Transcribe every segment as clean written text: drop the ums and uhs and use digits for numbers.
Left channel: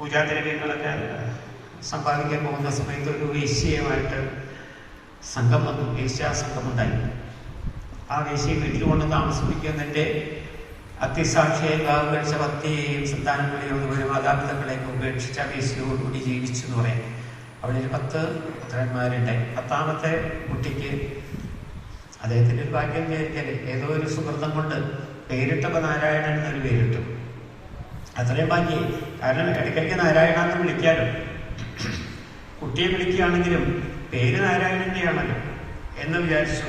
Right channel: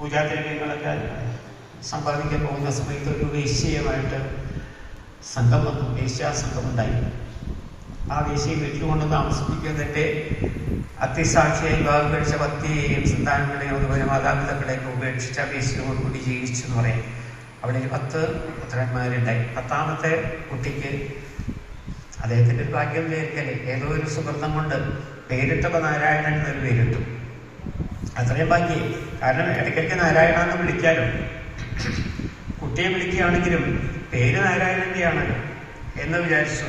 പൂജാദ്രവ്യങ്ങളൊക്കെ സമ്പാദിക്കാൻ പോകുന്ന സമയത്ത് ഒരു വേശ്യയുമായിട്ട് സംഘം വന്നു, വേശ്യാസംഘം ഉണ്ടായി. ആ വേശ്യയെ വീട്ടിൽ കൊണ്ട് താമസിപ്പിക്കുന്നതിന്റെ അത്യസാക്ഷിയെ വിവാഹം കഴിച്ച ഭക്തിയെയും സന്താനങ്ങളെയും അതുപോലെ മാതാപിതാക്കളെയൊക്കെ ഉപേക്ഷിച്ച വേശ്യയോടുകൂടി ജീവിച്ചു എന്ന് പറയാം. അവിടെ 10 പുത്രന്മാരുണ്ടായി. 10ാമത്തെ കുട്ടിക്ക് അദ്ദേഹത്തിന്റെ ഒരു ഭാഗ്യം നേരിട്ടല്ലേ, ഏതോ ഒരു സുഹൃത്തം കൊണ്ട് പേരിട്ടപ്പോ നാരായണൻ എന്നൊരു പേരിട്ടു. അത്രയും ഭാഗ്യം. കാരണം ഇടയ്ക്കിടയ്ക്ക് നാരായണ എന്ന് വിളിക്കാറ്, കുട്ടിയെ വിളിക്കുകയാണെങ്കിലും പേര് നാരായണന്റെയാണല്ലോ എന്ന് വിചാരിച്ചു.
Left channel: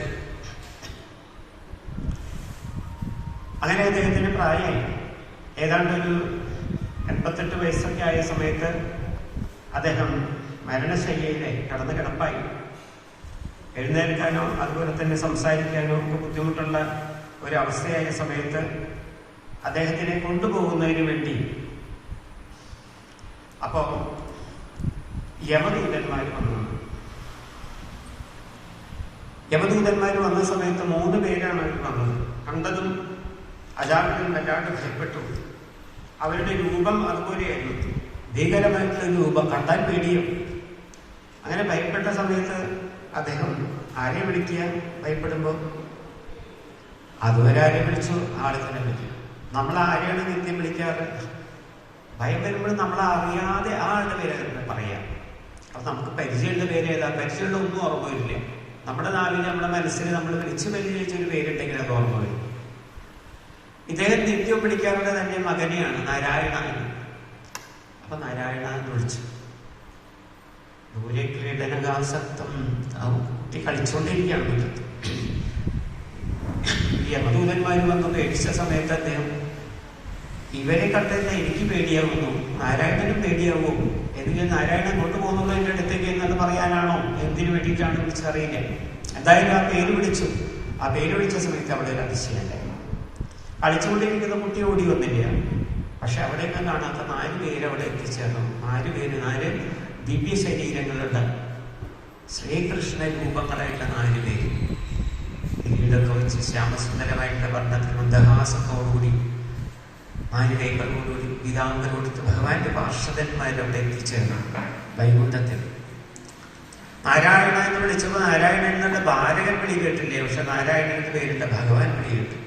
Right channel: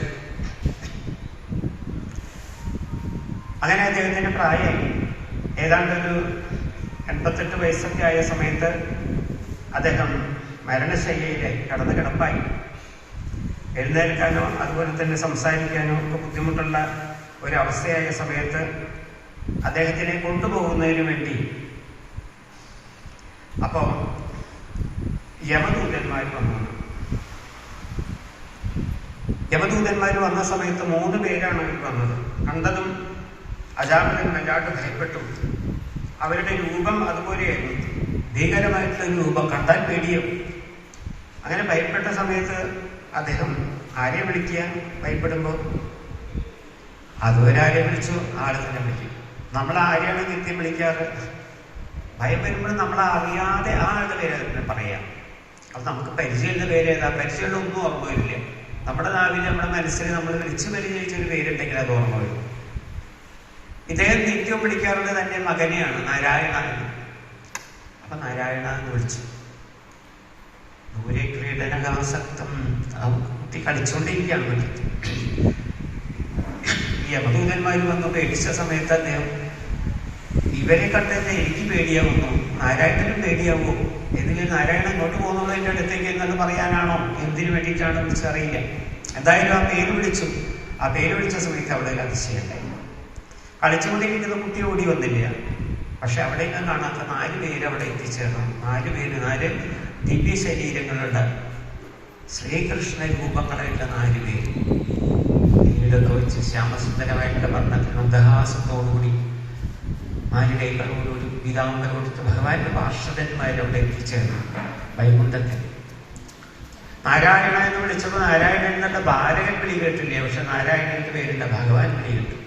അങ്ങനെ അദ്ദേഹത്തിന് പ്രായമായി. ഏതാണ്ടൊരു 88 വയസ്സൊക്കെ ആയ സമയത്ത് അദ്ദേഹം മരണശയ്യയിലായി, കടന്ന് കിടപ്പായി. എഴുന്നേൽക്കാനോ അതുപോലെ തന്നെ സംസാരിക്കാനോ ഒക്കെ ബുദ്ധിമുട്ടുള്ള ഒരവസ്ഥയായ സമയത്ത് അദ്ദേഹത്തിനെ കൊണ്ടുപോകുന്നതിന് വേണ്ടി അപ്പോ യമദൂതന്മാർ വന്നു. യമദൂതന്മാർ വന്ന സമയത്ത് 3 പേരാണ് അവർ വന്നത്. കണ്ടതും അജാമിതൻ വല്ലാണ്ട് ഭയപ്പെട്ടു. അവരുടെ രൂപം അതുപോലെയായിരുന്നു, ഭീകരമായിട്ടുള്ള രൂപം, കണ്ടാൽ പേടിയും. അങ്ങനെ ഭയപ്പെട്ട സമയത്ത് അദ്ദേഹം ആരെ വിളിക്കുക? ഭയപ്പെടുമ്പോൾ അതുവരെ ആരെ വിളിച്ചു? ആളെ തന്നെ വിളിക്കും. നമ്മൾ ആരെയാണ് നിത്യം വിളിക്കാറ്? ഭയം വരുമ്പോൾ നമ്മൾ അറിയാതെ ആ ആളുടെ പേര് പറയാം. അത് നമുക്ക് പരിചയമുള്ള പേരേതാ? പരിചയമുള്ള ഒന്നും ഓർമ്മ വരില്ല. നമ്മുടെ നാവിൽ, നമ്മുടെ മനസ്സിൽ നമ്മൾ വിളിച്ചു പരിചയിച്ചൊരു പേരുണ്ടെങ്കിൽ അത് ഓർമ്മ വരും. ഇദ്ദേഹം നിത്യം വിളിക്കാറുള്ളത് തന്റെ മകനെയാണ്, നാരായണൻ. അപ്പൊ നാരായണ എന്ന് വിളിച്ചു. ദൂരെ ക്രീഡനകാസക്തം ആ കുട്ടി കളിച്ചുകൊണ്ടിരിക്കുകയാണ് വീട്ടിൽ. യമദൂതന്മാര് വന്ന് പേടിച്ച സമയത്ത് അദ്ദേഹം, ഇവരെ കണ്ടത് എനിക്ക് പേടിയാവുന്നു, നാരായണനും പേടിയാവൂ, എന്തിന് നാരായണൻ ഇങ്ങോട്ട് പോകുന്നുള്ളൂ എന്റെ അടുത്തേക്ക് എന്നത് പറയാനാണോ, എന്തിനു വേണ്ടിയിട്ടാണ് വിളിച്ചറിയില്ല. എന്തായാലും ആ പേര് വിളിച്ചു. ആ പേര് വിളിച്ച സമയത്ത് അവിടെ കളിച്ചല്ല. കളിച്ചുകൊണ്ടിരിക്കുന്ന കുട്ടി ഓടി വന്നില്ല. പക്ഷെ അവിടെയൊക്കെ കാണാത്ത 4 പേര് അവിടെ എത്തിച്ചേർന്നു. 4 ദിവ്യ ശരീരങ്ങളുടെ ശ്രീകൃഷ്ണ രൂപങ്ങളായിട്ട് 4 പേര് ഇതൊക്കെ വെച്ച് ശ്യാമസുന്ദരമായിട്ട് വർണ്ണത്തിൽ മന്ദഹാസത്തോടുകൂടി 4 കൈകളോടുകൂടി പിതാവിന്റെ കൊടുത്ത് ഭഗവാന്റെ പാർഷദന്മാരവിടെ എത്തിച്ചേർന്നു വൈകുണ്ഠത്തിൽ. നാരായണൻ വിളിച്ചപ്പോൾ നാരായണൻ എന്നുള്ള ഭാരകൻ വിളി കേട്ടില്ലേ, പക്ഷെ നാരായണന്റെ പേരില്ല, ഭഗവാൻ വിളി കേട്ടു.